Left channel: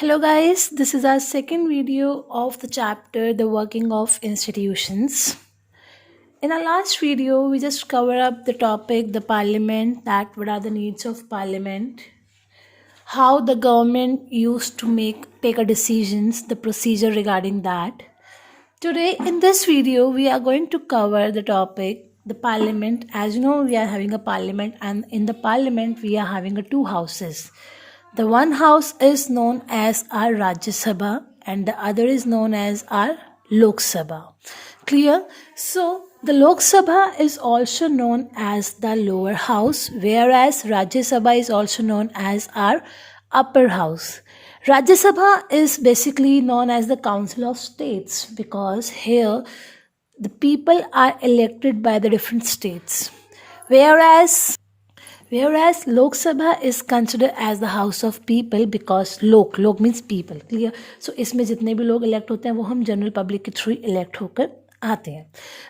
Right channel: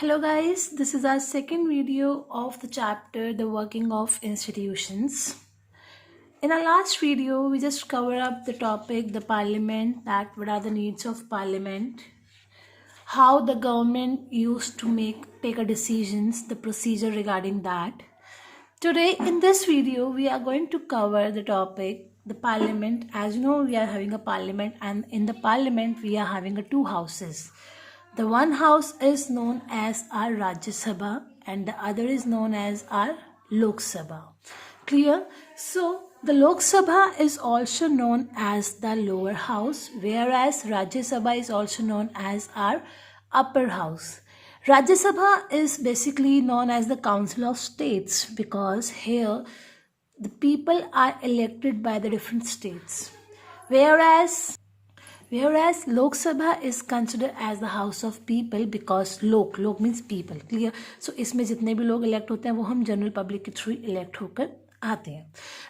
Hello guys, this is our second video of the chapter The Working of Institutions. In our last video, we just covered up the topic the parliament, that what are the needs of parliament, how the government used to take a decisions, the procedure regarding that. Today in this video, we are going to cover the topic the parliament. As you know, we are having a parliament, and in the parliament we are having two houses. The one house is known as our Rajya Sabha and the other is known as our Lok Sabha. Clear? So the Lok Sabha is also known as the lower house, whereas Rajya Sabha is also known as our upper house. Rajya Sabha is basically known as the Council of States because here the people are elected by the different states. Whereas Lok Sabha is considered as the house of people because lok means people. Clear? So इसमें जितने भी लोग elect होते हैं वो हम general public के through elect होकर आते हैं.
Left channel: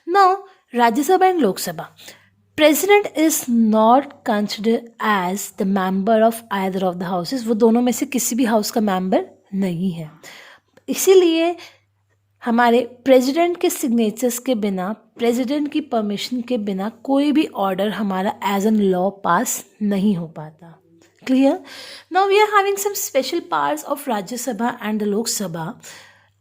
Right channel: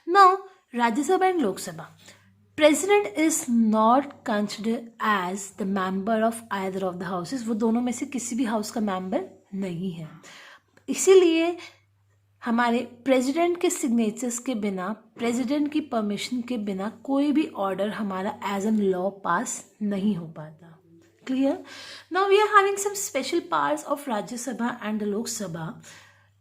Now Rajya Sabha and Lok Sabha. President is not considered as the member of either of the houses. वो दोनों में से किसी भी house का member नहीं है. इसीलिए हमारे प्रेसिडेंट के सिग्नेचर्स के बिना, प्रेसिडेंट की परमिशन के बिना कोई भी ऑर्डर हमारा एज एन लॉ पास नहीं हो पाता. Clear? Now we are having some special parts of Rajya Sabha and the Lok सभा.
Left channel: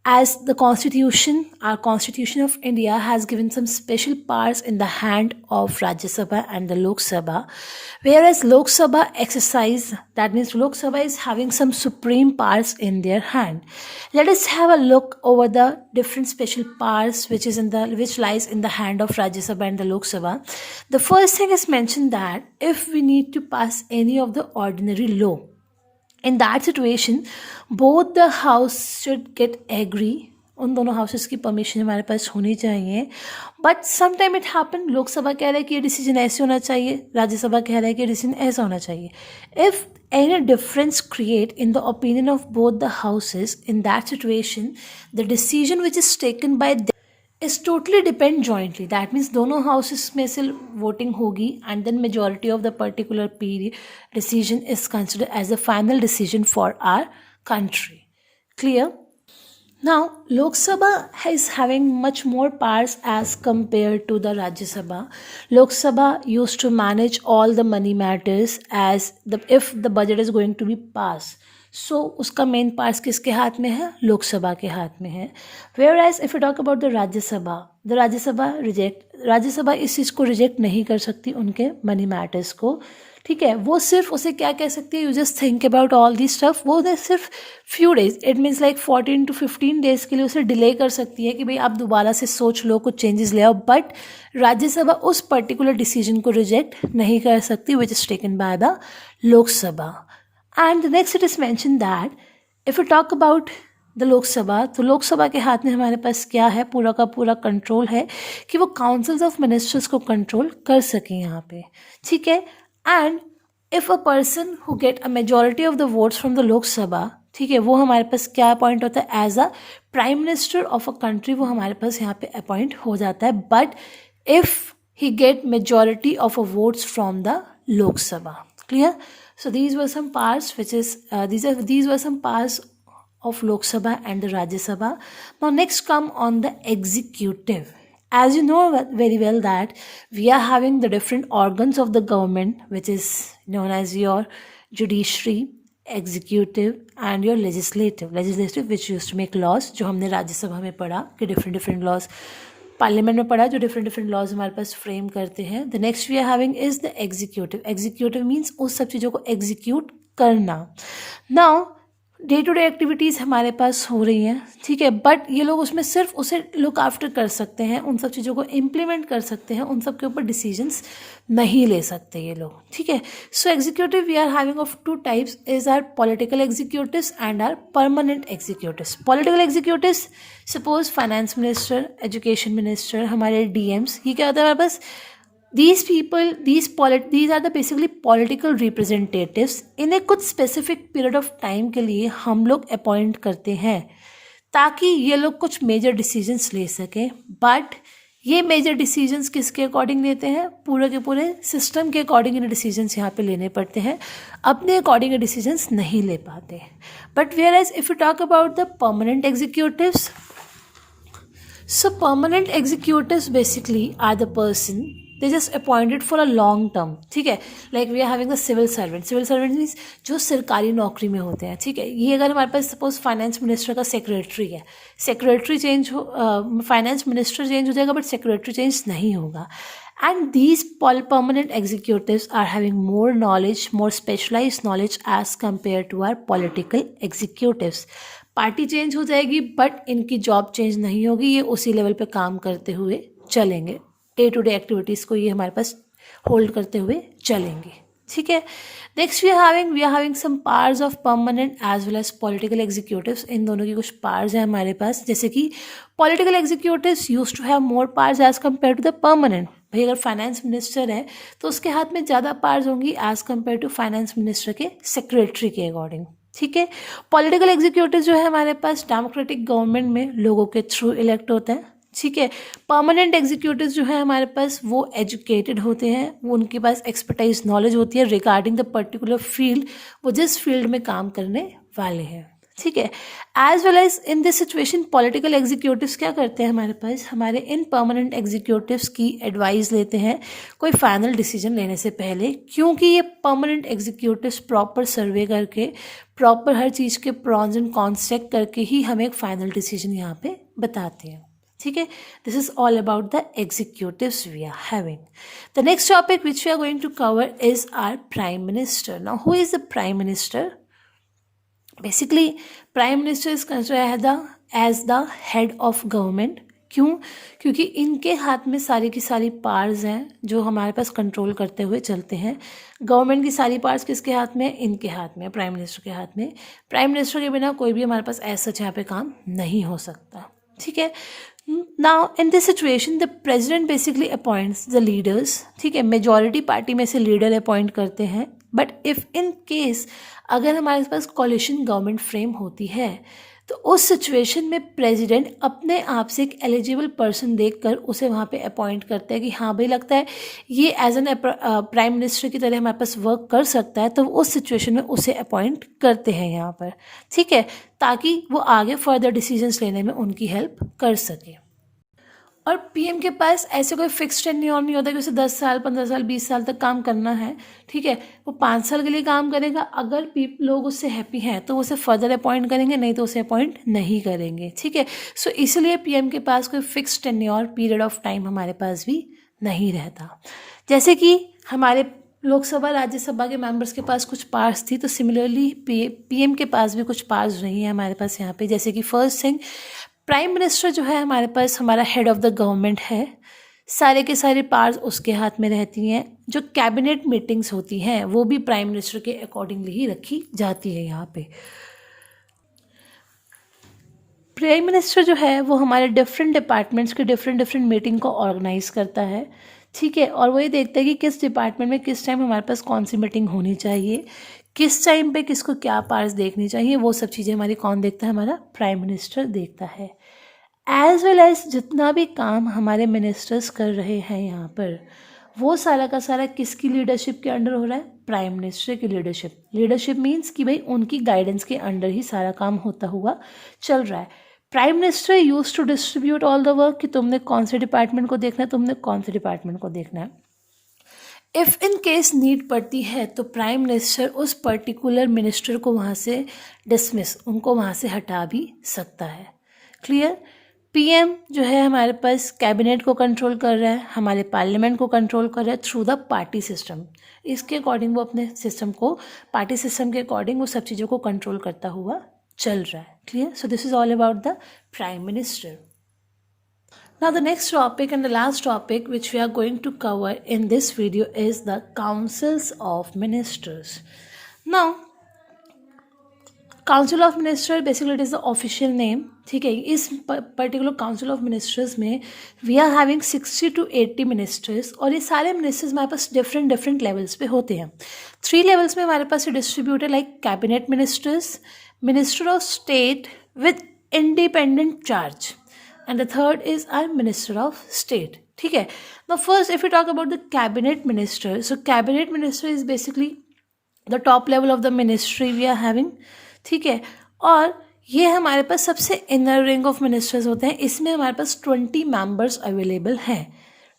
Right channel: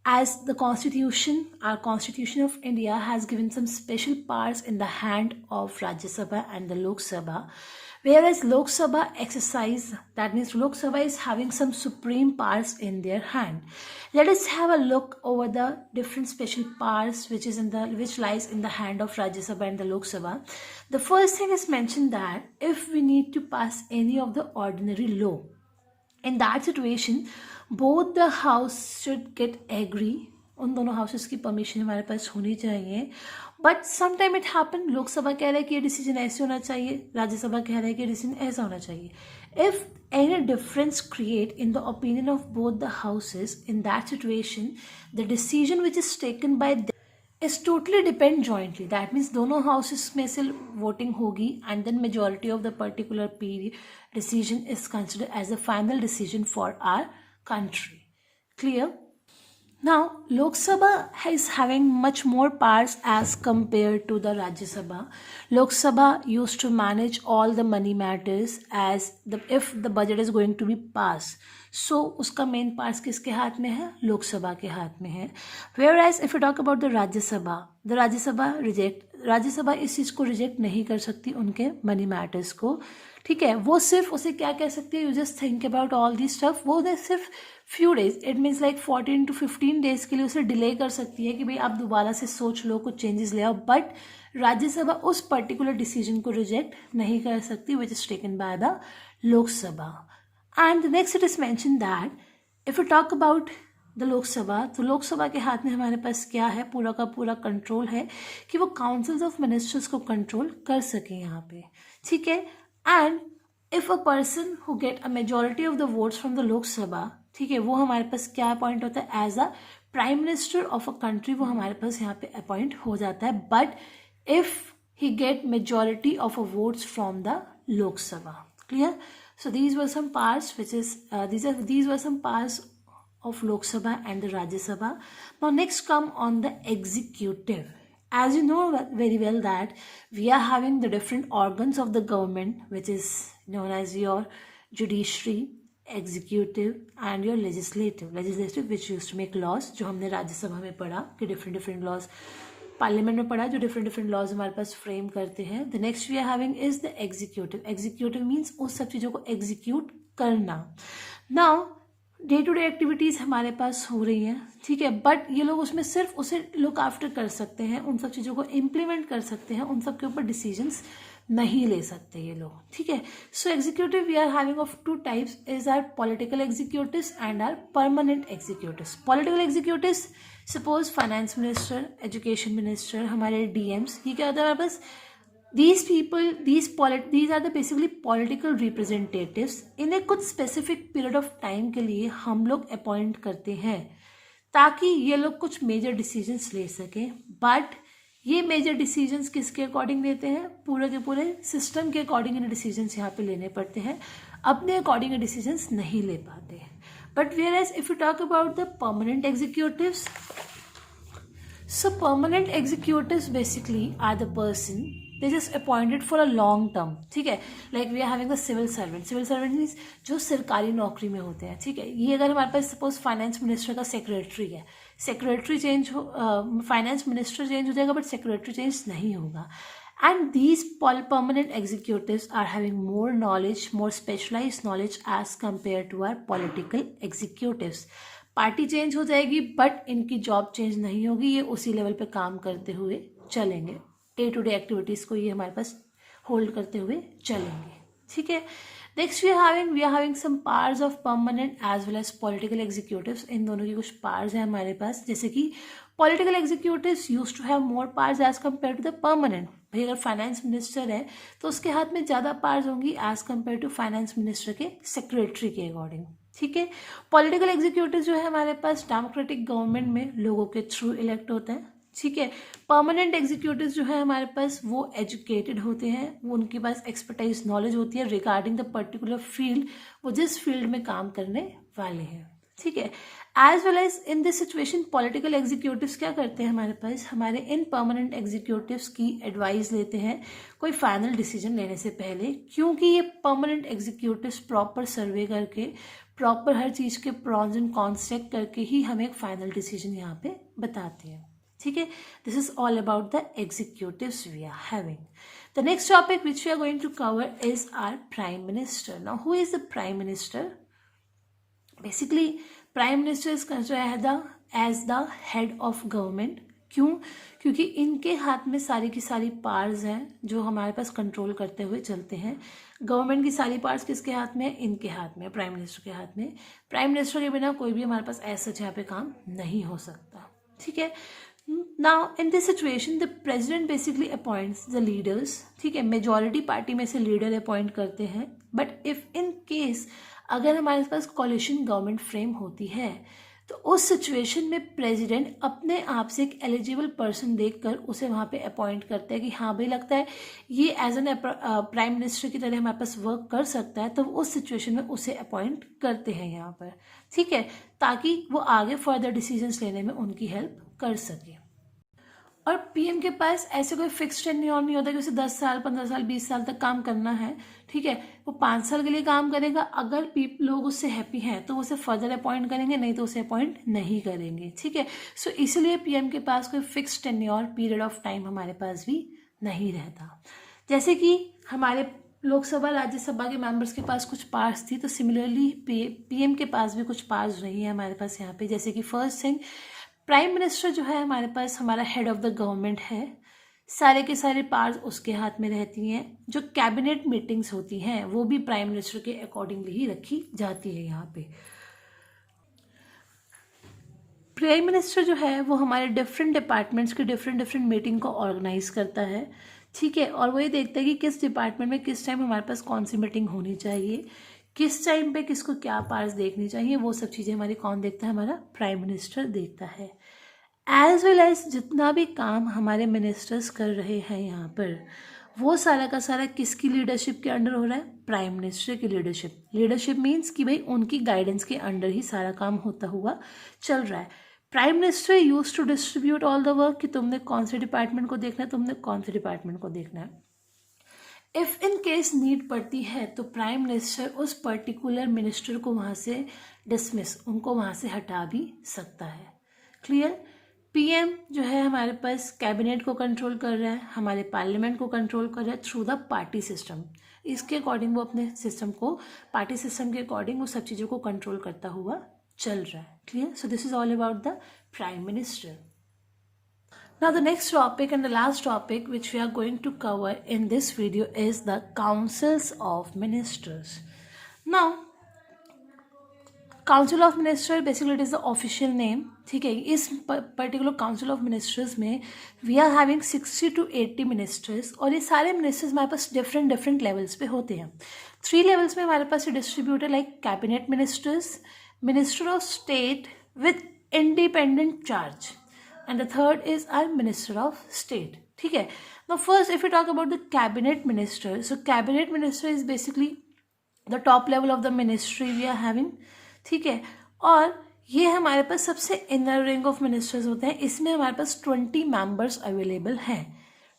As the constitution, our constitution of India has given some special powers in the hand of Rajya Sabha and the Lok Sabha, whereas Lok Sabha exercise, that means Lok Sabha is having some supreme powers in their hand. Let us have a look over the different special powers which lies in the hand of Rajya Sabha and the Lok Sabha. The first thing is mentioned that if we need to pass any of the ordinary law, in that situation both the house should get agree. उन दोनों houses की permission हमारे पास होनी चाहिए. But sometime it happen, Lok Sabha कह रहा है कि ये डिसीजन ऐसे होना चाहिए, राज्यसभा कह रहा है कि ये डिसीजन ऐसा होना चाहिए. If any difference create in the opinion of both the houses, in that situation the decision which is taken by is totally depend jointly. That means दोनों houses में से voting होगी and then majority of the particular decision is considered as the final decision for our country. Clear? Now, Lok Sabha is having much more powers as compared to the Rajya Sabha. Lok Sabha used to manage all the money matters if the budget is going to be passed. So उसका main parts किसके हाथ में है? लोकसभा के हाथ में है. Whereas if we talk about the Rajya Sabha, the Rajya Sabha इस चीज़ को रिजेक्ट नहीं कर सकती उनके मनी मैटर्स को. ठीक है, वो सिर्फ उसे क्या कह सकती है, you just think about all this stuff. वो सिर्फ few days, it means like 14 to 15 days के लिए उसे डिले कर सकती है कि भाई आप दोबारा से सोच लो, कुछ चेंजेस ले आओ. बट राज्यसभा उस पर्टिकुलर डिसीजन को रिजेक्ट नहीं कर सकती which is taken by the Lok Sabha. And the next it is mentioned that if we talk about the Lok Sabha, तो लोक सभा के हाथ में हमारे पास क्या है, पूरा का पूरा कंट्रोल है कि वो काउंसिल्स ऑफ मिनिस्टर्स को कंट्रोल कर सकें यहाँ पे. ठीक है. And if a person who get a majority of the votes from the Lok सभा, ठीक है, वो हमारे पास क्या अपॉइंट होता है as a prime minister of a country, वो हमारे पास यहाँ पे अपॉइंट हो जाता है. But if he get majority of a votes from the Lok Sabha. Clear? So these were some parts these were some parts of Lok Sabha and the Rajya Sabha. Now next come on the executive. As you know very well that we are having the different organs of the government which is known as your judiciary, executive and your legislative which used to make laws. जो हमने राज्य सभा में पढ़ा कि different laws, parliament में पढ़ा जो डिफरेंट लॉज हमारे पास फ्रेम करते हैं. The next we are having is the executive means उस सब चीज़ों को एग्जीक्यूट करना. Now day to day activities हमारे पास हो रही हैं, ठीक है, बट ये लोग उसमें सिर्फ उसे लुक आफ्टर कर सकते हैं, उन सब चीज़ों को इम्प्लीमेंट कर सकते हैं, उन सब के ऊपर डिसीजंस नहीं ले सकते ये लोग. ठीक है. So executive we are having of two types is are political executives and are permanent executives. Political executives suppose finance minister, education minister, हमारे डीएम्स, ये क्या होता है हमारे पास, these are the basically political representatives. इन्हें कुछ specific period of time के लिए हम लोग अपॉइंट करते हैं ताकि ये लोग कुछ मेजर डिसीजंस ले सकें. बट ये मेजर डिसीजंस किसके अकॉर्डिंग लेते हैं, पूरे के पूरे सिस्टम के अकॉर्डिंग इन्हें डिसीजंस यहाँ पे लेने पड़ते हैं, अपने अकॉर्डिंग डिसीजंस नहीं ले पाते. But whereas if you talk about the permanent executives, so permanent executives basically are the person they just appointed for a long term. ठीक है, like we are having a civil servant means जो सरकारी नौकरी में होते हैं. ठीक है, ये अगर हमारे पास सपोज फाइनेंस मिनिस्टर का सेक्रेटरी है, सेक्रेटरी चेंज हो, फाइनेंस मिनिस्टर चेंज हो जाएगा बट सेक्रेटरी चेंज नहीं होगा. And these permanent executives are having more knowledge, more specialized knowledge as compared to our political executives. Party change हो जाएगी but इनकी जॉब चेंज नहीं होगी, ये उसी लेवल पे काम करते हुए चलेंगे, डे टू डे एक्टिविटीज़ को ये हमारे पास होल्ड करते हुए चलेंगे. ठीक है, next we are having some powers of permanent as well as political executives. इन दोनों की कुछ पावर्स हैं हमारे पास, जैसे कि political executives use to have more powers as compare to the permanent. भाई अगर फाइनेंस मिनिस्टर है तो उसके हाथ में ज़्यादा पावर्स होंगी as compare to finance minister के सेक्रेटरी के अकॉर्डिंग. ठीक है, पॉलिटिकल एग्जीक्यूटिव जो है हमारे पास डेमोक्रेटिक गवर्नमेंट में लोगों के थ्रू इलेक्ट होते हैं. ठीक है, परमानेंट एग्जीक्यूटिव जो है हमारे पास वो एजुकेटेड होते हैं, वो उनके पास एक्सपर्टाइज नॉलेज होती है रिगार्डिंग द पर्टिकुलर फील्ड, वो जिस फील्ड में काम करने वाले हैं. ठीक है, as well as in this situation political executives क्या करते हैं हमारे पास, हमारे इन परमानेंट एग्जीक्यूटिव्स की एडवाइस लेते हैं कोई फाइनल डिसीजन लेने से पहले, क्योंकि ये परमानेंट एग्जीक्यूटिव्स प्रॉपर सर्वे करके प्रॉपर हर चीज़ के प्रॉन्स एंड कॉन्स चेक करके ही हमें एक फाइनल डिसीजन यहाँ पे बताते हैं. ठीक है, this is all about the executives we are having. The next topic which we are going to cover is our prime minister. Now who is the prime minister? Basically prime minister is considered as the head of government. क्यों? क्योंकि इनके हाथ में सारी की सारी powers हैं जो हमारे पास कंट्रोल करते हुए चलते हैं. गवर्नमेंट की सारी पावर्स किसके हाथ में? इनके हाथ में, प्राइम मिनिस्टर के हाथ में. प्राइम मिनिस्टर के बिना कोई भी हमारे पास ऐसा यहाँ पे काम नहीं हो सकता. ठीक है, now in this situation the president basically appoints the leaders. ठीक है, मेजॉरिटी पार्टी में से लीडर अपॉइंट करते हैं. बट इफ़ इन केस अगर हमारे पास कॉलिशन गवर्नमेंट फ्रेम होती है तो उस सिचुएशन में प्रेसिडेंट अपने आप से एक एलिजिबल पर्सन देखकर उसे वहाँ पे अपॉइंट करते हैं कि हाँ भाई लगता है ये एज एन प्राइम मिनिस्टर की तरह हमारे पास वर्क कर सकता है, तो उस सिचुएशन में उसे अपॉइंट करते हैं यहाँ पर. ठीक है, ताकि वो आगे फर्दर डिसीजंस लेने में उनकी हेल्प कर सके. और पीएम के पास ऐसे कोई फिक्स टेन्योर नहीं होता कि उसे 10 साल 15 साल 20 साल तक काम करना है. ठीक है, वो 5 साल के लिए काम करेगा. अगर लोग उससे हैप्पी हैं तो उसे फर्दर अपॉइंट करेंगे, नहीं तो उसे अपॉइंट नहीं करेंगे. ठीक है, सो इसलिए पीएम के पास कोई fix tenure period of time हमारे पास भी नहीं रहता. जैसे कि हमारे लोकसभा राज्यसभा के मेंबर्स के पास कुछ पावर्स थी, तो सिमिलरली पीएम के पास भी कुछ पावर्स नहीं है हमारे पास यहाँ पे. जैसे कि फर्स्ट थिंग, प्राइम मिनिस्टर जो है हमारे पास हमारा हेड ऑफ द गवर्नमेंट है, सारे के सारे पावर्स उसके हाथ में रहती हैं. जो कैबिनेट मीटिंग्स होती हैं वो भी प्राइम मिनिस्टर के अकॉर्डिंगली ही रखी जाती है. यहाँ पे प्राइम मिनिस्टर जो है वो हमारे डिफरेंट डिपार्टमेंट्स की डिफरेंट मीटिंग को ऑर्गेनाइज करता है. ठीक है, और वो ये देखता है कि किस डिपार्टमेंट में किस टाइम हमारे पास कौन सी मीटिंग होनी चाहिए, किस टाइम पे किसको क्या पावर्स देखनी चाहिए, वो सब चीज़ें हमारी कौन देखता है? हमारा प्राइम मिनिस्टर देखता है. एज वेल एज जितना भी काम हमारे मिनिस्टर्स कर रहे हैं यहाँ पर, वो सारा का सारा किसकी लीडरशिप के अंडर हो रहा है? प्राइम मिनिस्टर की लीडरशिप मीन्स कि भाई उनकी गाइडेंस के अंडर ही सारा काम होता हुआ चल रहा है. Prime minister use to distribute all the work कि तुमने कौन से डिपार्टमेंट को देखना है, तुमने कौन से डिपार्टमेंट को देखना है. इफ़ इन केस नीड पड़ती है तो प्राइम मिनिस्टर उस पर्टिकुलर मिनिस्टर को वहाँ से डिसमिस, उनको वहाँ से हटा भी सकता है. क्लियर? पीएम जो है हमारे पास कैबिनेट को कंट्रोल कर रहा है, हमारे पार्लियामेंट को कंट्रोल कर रहा है थ्रू द पार्टी सिस्टम. इसके अकॉर्डिंग वो अपने सिस्टम को, पार्टी सिस्टम के अकॉर्डिंग वो सब चीज़ों को कंट्रोल करता हुआ चल रहा है. Clear? So this is all about the prime minister. Now the next topic and the last topic which we are going to cover in this video is the councils of ministers. Now council of minister basically it is the official name. ठीक है, इस particular council of ministers में we are having 60 to 80 ministers, और ये सारे ministers हमारे पास different levels पे होते हैं. 3 लेवल्स में हमारे पास distributed like cabinet ministers, minister of state with independent charge, and the third is our Minister of State. ठीक है. Now first if we talk about the cabinet minister, so cabinet minister is basically the top level of the ministry we are having. ठीक है. और ये हमारे पास सबसे inner ring of ministers होते हैं. इसमें हमारे पास 20 मेंबर्स अवेलेबल हैं.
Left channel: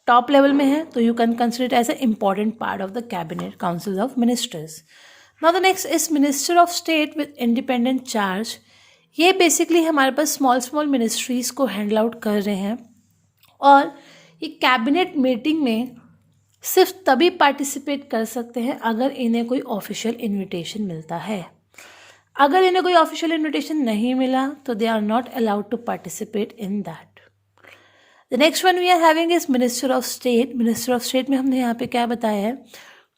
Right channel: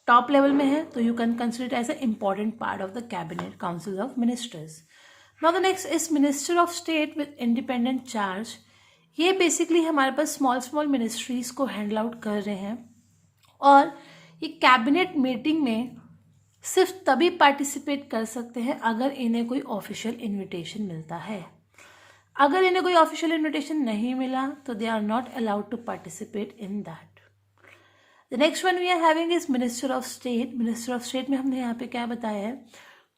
टॉप लेवल में है तो you can consider it as a important part of the cabinet council of ministers. Now the next is minister of state with independent charge. ये बेसिकली हमारे पास स्मॉल मिनिस्ट्रीज़ को handle out कर रहे हैं और ये कैबिनेट मीटिंग में सिर्फ तभी पार्टिसिपेट कर सकते हैं अगर इन्हें कोई ऑफिशियल इन्विटेशन मिलता है. अगर इन्हें कोई ऑफिशियल इन्विटेशन नहीं मिला तो they are not allowed to participate in that. The next one we are having is minister of state. Minister of state में हमने यहाँ पे क्या बताया है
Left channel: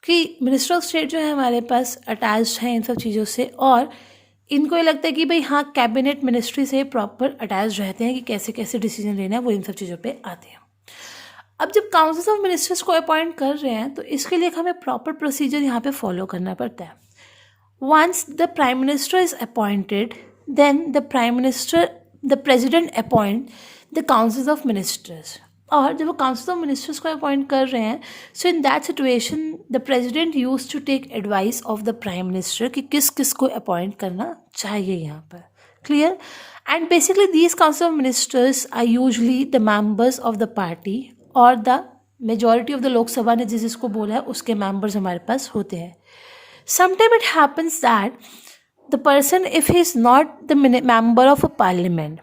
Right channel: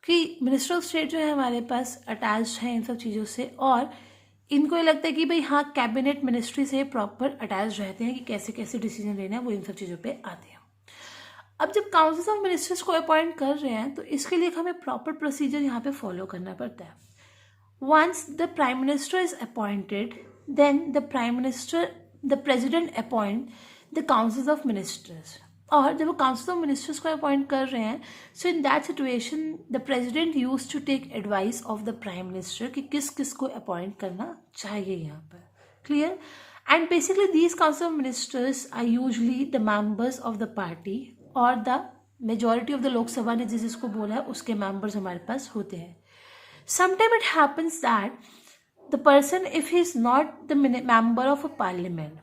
कि मिनिस्टर ऑफ स्टेट जो है हमारे पास अटैच्ड है इन सब चीज़ों से और इनको ये लगता है कि भाई हाँ कैबिनेट मिनिस्ट्री से प्रॉपर अटैच रहते हैं कि कैसे कैसे डिसीजन लेना है, वो इन सब चीज़ों पे आते हैं. अब जब काउंसिल ऑफ मिनिस्टर्स को अपॉइंट कर रहे हैं तो इसके लिए हमें प्रॉपर प्रोसीजर यहाँ पे फॉलो करना पड़ता है. Once the prime minister is appointed then the president appoint the council of ministers. और जब वो काउंसिल ऑफ मिनिस्टर्स को अपॉइंट कर रहे हैं so in that situation the president use to take advice of the prime minister कि किस किस को अपॉइंट करना चाहिए यहाँ पर. Clear. And basically these council of ministers are usually the members of the party और the majority of the Lok Sabha ने जिसको बोला है उसके मेंबर्स हमारे पास होते हैं. Sometime it happens that the person if he is not the member of a parliament,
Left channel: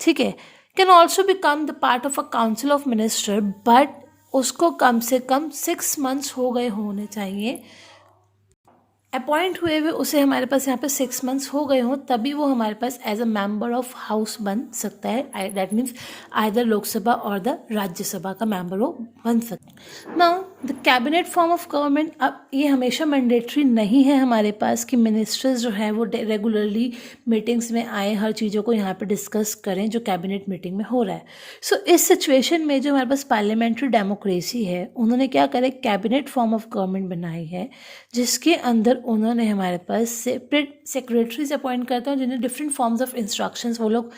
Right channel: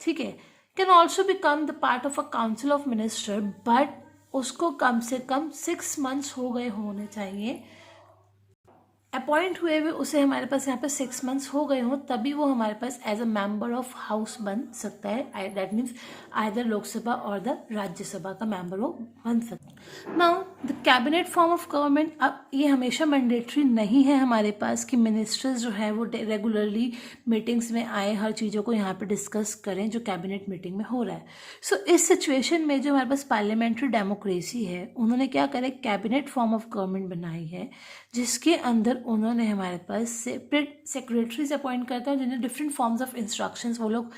ठीक है, can also become the part of a council of minister, but उसको कम से कम 6 months हो गए होने चाहिए अपॉइंट हुए हुए. उसे हमारे पास यहाँ पे 6 months हो गए हों तभी वो हमारे पास as a member of house बन सकता है. दैट मीन्स आइदर लोकसभा और द राज्यसभा का मेंबर वो बन सकता है. Now the cabinet form of government, अब ये हमेशा मैंडेटरी नहीं है हमारे पास कि मिनिस्टर्स जो हैं वो रेगुलरली मीटिंग्स में आए, हर चीज़ों को यहाँ पे डिस्कस करें जो कैबिनेट मीटिंग में हो रहा है. सो इस सिचुएशन में जो हमारे पास पार्लियामेंट्री डेमोक्रेसी है उन्होंने क्या करे, कैबिनेट फॉर्म ऑफ गवर्नमेंट बनाई है जिसके अंदर उन्होंने हमारे पास सेपरेट सेक्रेटरीज अपॉइंट करते हैं जिन्हें डिफरेंट फॉर्म्स ऑफ इंस्ट्रक्शंस वो लोग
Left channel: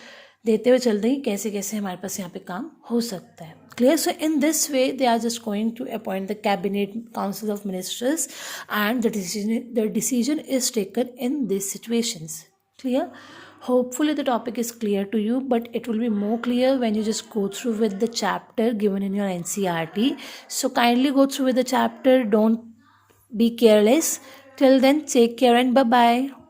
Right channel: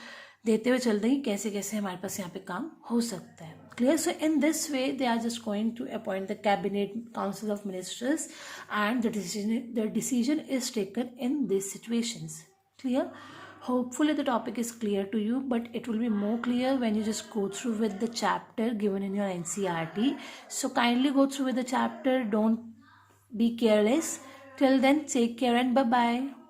देते हुए चल रही हैं कैसे कैसे हमारे पास यहाँ पे काम हो सकता है. Clear. So in this way they are just going to appoint the cabinet council of ministers and the decision is taken in this situations. Clear. Hopefully the topic is clear to you, but it will be more clear when you just go through with the chapter given in your NCERT. So kindly go through with the chapter. Don't be careless. Till then, take care and bye-bye.